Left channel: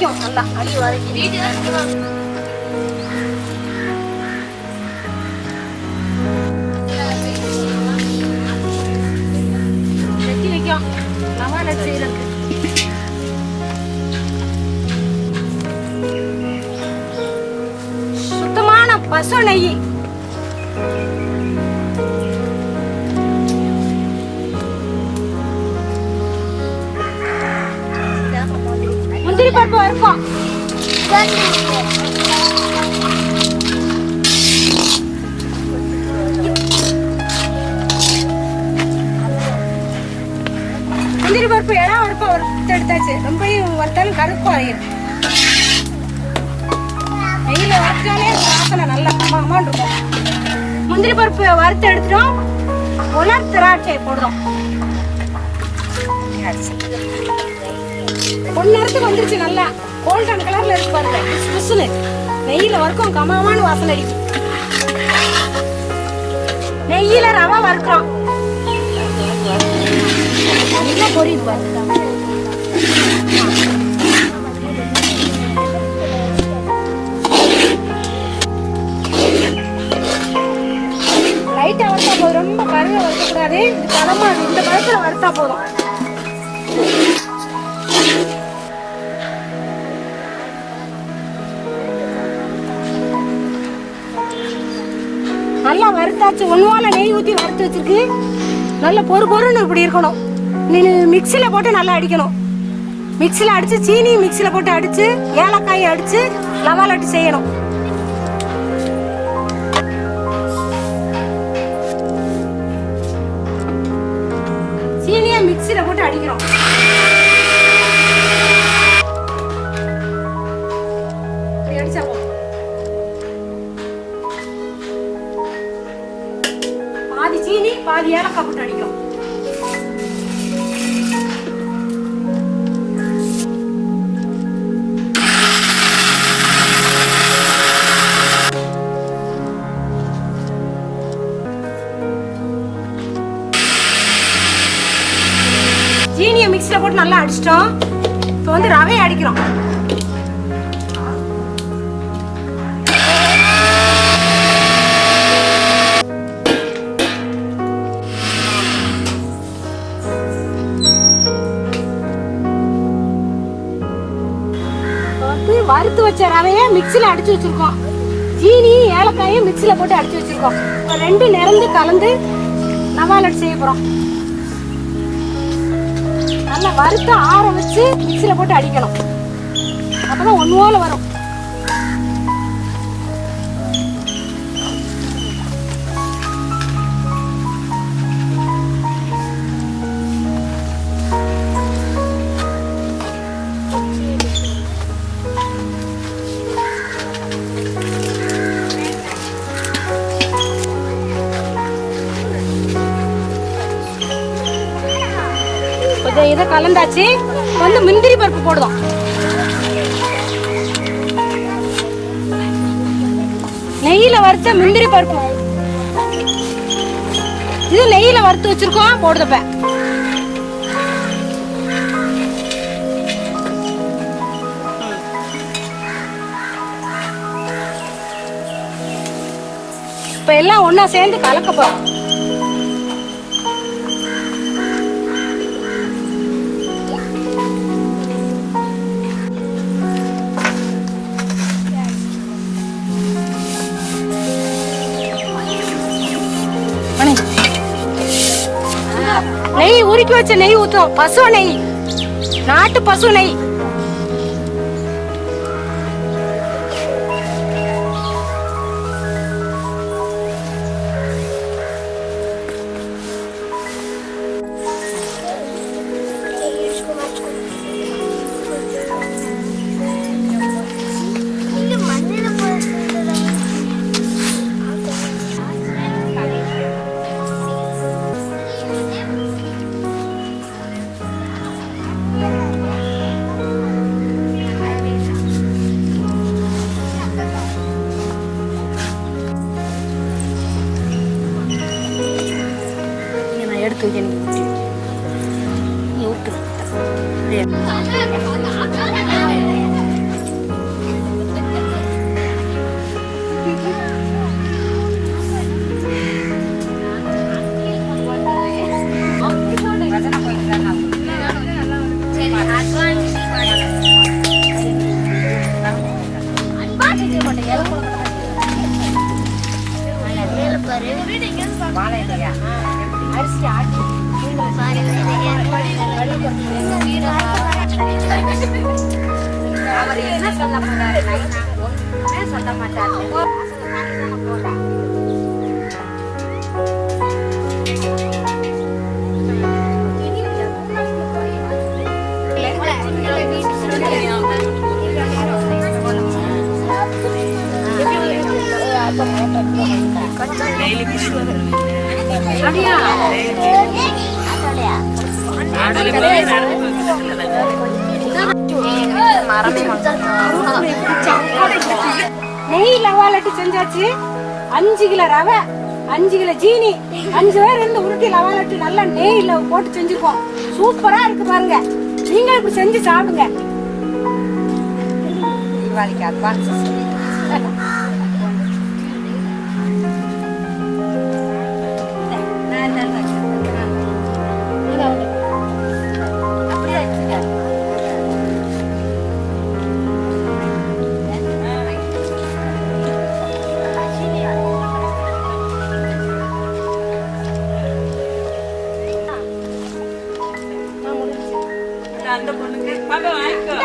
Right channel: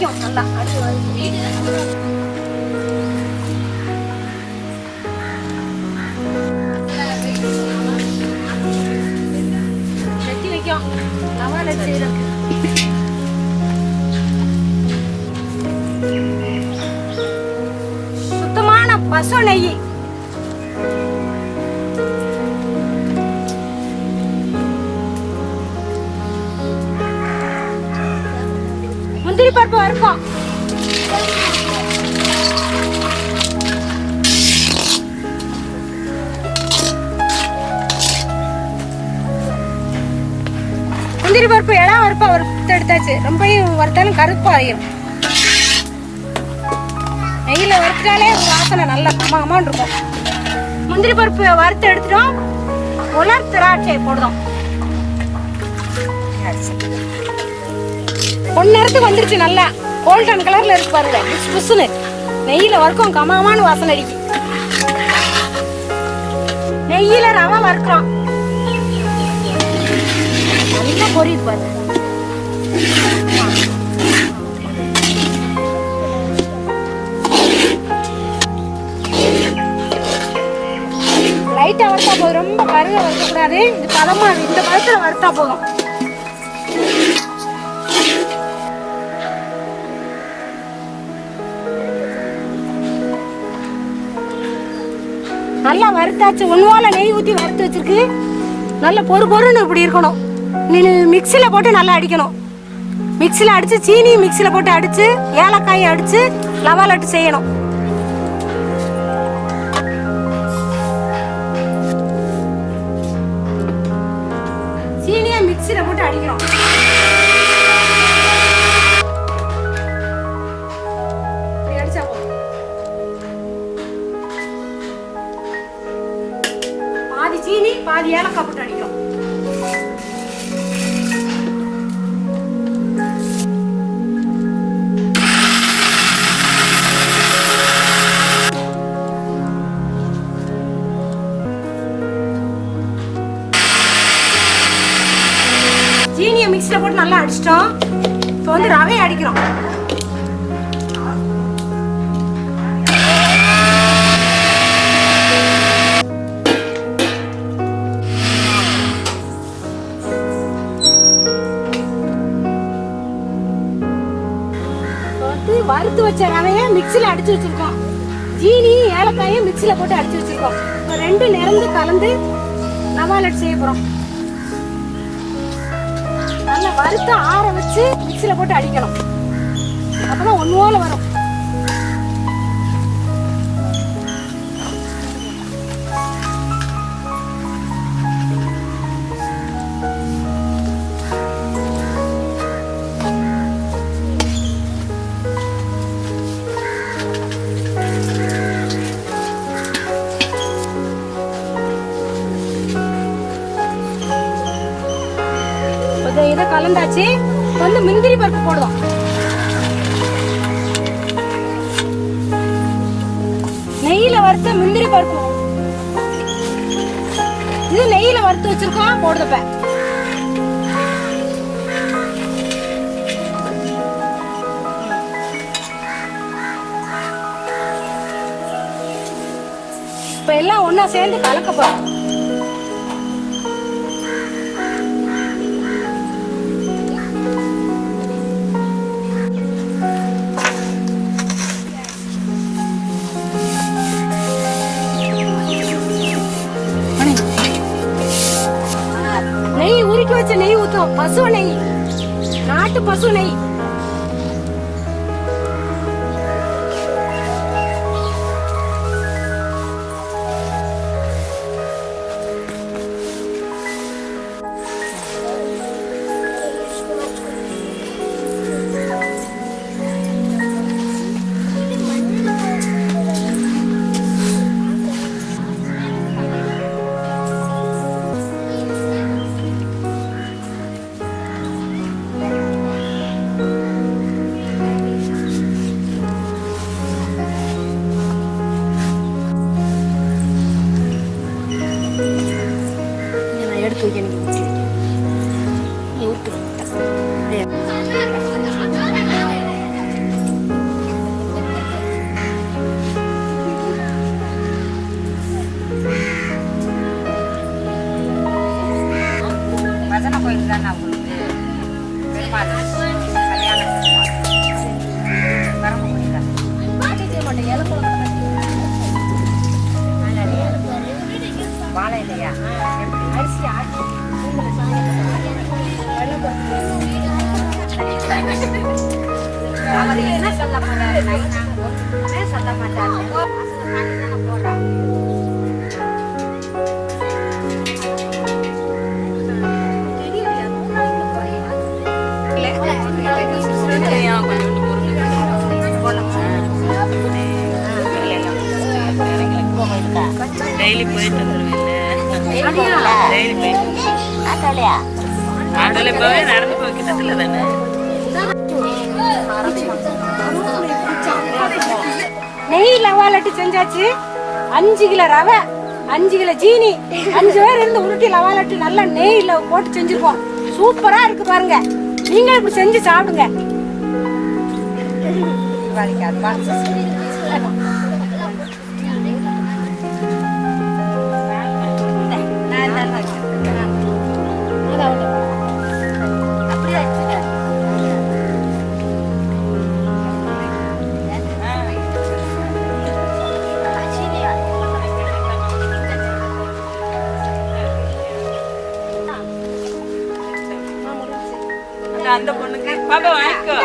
நிற்கும் நல்லா அடி வதக்கி வெட்டி வைக்கும் ரவா லட்டு செய்யறதுக்கு. சுத்தமான பசு நெய். முந்திரி பருப்பு வறுப்போம். முந்திரி பருப்பு இடம் வறுப்பா வறுத்து எடுத்தாச்சு. ரொம்ப வறுத்தாலும் கருப்பு ஆயிரும். நெய்யில வறுத்தாலே வாசனை நல்லா அம்மான் இருக்கும். முந்திரி பருப்பு வறுத்து எடுத்துட்டோம். உலர் திராட்சை போடுறோம். பொன்னரத்துக்கு வந்துருச்சு. நல்லா கோல்டன் கலர்ல இருக்கு பாருங்க. புசு புசுன்னு நெய்யில வறுக்கும். கமகமான வாசனை அடிக்கும். நெய்யில ரவை வறுக்கிறோம். நல்லா பொரியுது பாருங்க. லைட்டா வறுத்தா போதும். ரொம்ப கருக வறுக்க கூடாது. இது பதமா இந்த பதத்துல வறுத்தா போதும். நல்லா வறுத்தாச்சு. ஒன்றுவால நெய் ஊற்றி வறுத்து வச்சிருக்கு. நல்ல பொறுன்னு இப்படி இருக்கணும். நீ மிக்சியில் போட்டு நல்லா அடிக்கணும். மிக்சியில் அடித்து சீனி மிக்சியில் போட்டு அடித்து ஏலக்காயை அடித்து ரவா லட்டு செய்யணும். சீனியை மிக்சியில் போட்டு அடிக்கிறோம். அடிச்சா போதும். பாதி சீனி பாதி ஏலக்காய் போட்டு அடிக்கிறோம். சீனியை மிக்ஸில் போட்டு நல்லா அடிச்சிட்டோம். இப்போ வந்து ரவையை அடிக்கிறோம். வறுத்து வச்ச ரவையை மிக்சியில் அடிச்சு வச்சிருக்கோம். சீனி ஏலக்காயும் மிக்சியில் போட்டு அடிச்சு வச்சிருக்கோம். ரெண்டு நிறந்து கலந்து ரவா லட்டு செய்ய போறோம். நல்லா வறுத்து ஆற வச்சு மிக்சியில் போட்டு அடிக்கணும். அப்பதான் ஒன்று போல வரும். இதை கலந்தாச்சு. வந்து முந்திரி பருப்பு போடுவோம். நெய்யில வறுத்த முந்திரி பருப்பு. இது நெய்யில வறுத்து வச்சிருக்கோம். போடுதப்ப இப்ப எல்லாம் ஒன்னா சேர்ந்து கலக்க போறோம். நெய் உருக்கி வச்ச நெய் ஊத்தும். பசு நெய், நாட்டு பசு நெய். சொல்ல மாட்டாங்க. டெய்லி போயிட்டு வந்துருவேன். நெய் லவா லட்டு செஞ்சாச்சு. 5 கிலோ ரவை, 5 கிலோ ஜீனி, 5 பேர் இருந்து உருட்டி லவா லட்டு நல்லா நெய்ல போட்டு செஞ்சிருக்கோம். சூப்பரா இருக்கு பாருங்க. நீங்க இப்படி செஞ்சு சாப்பிடுங்க. தீபாவளிக்கு அட்வான்ஸ். அந்த பொண்ணுக்கு பாப்பா வாங்கிக்கோ.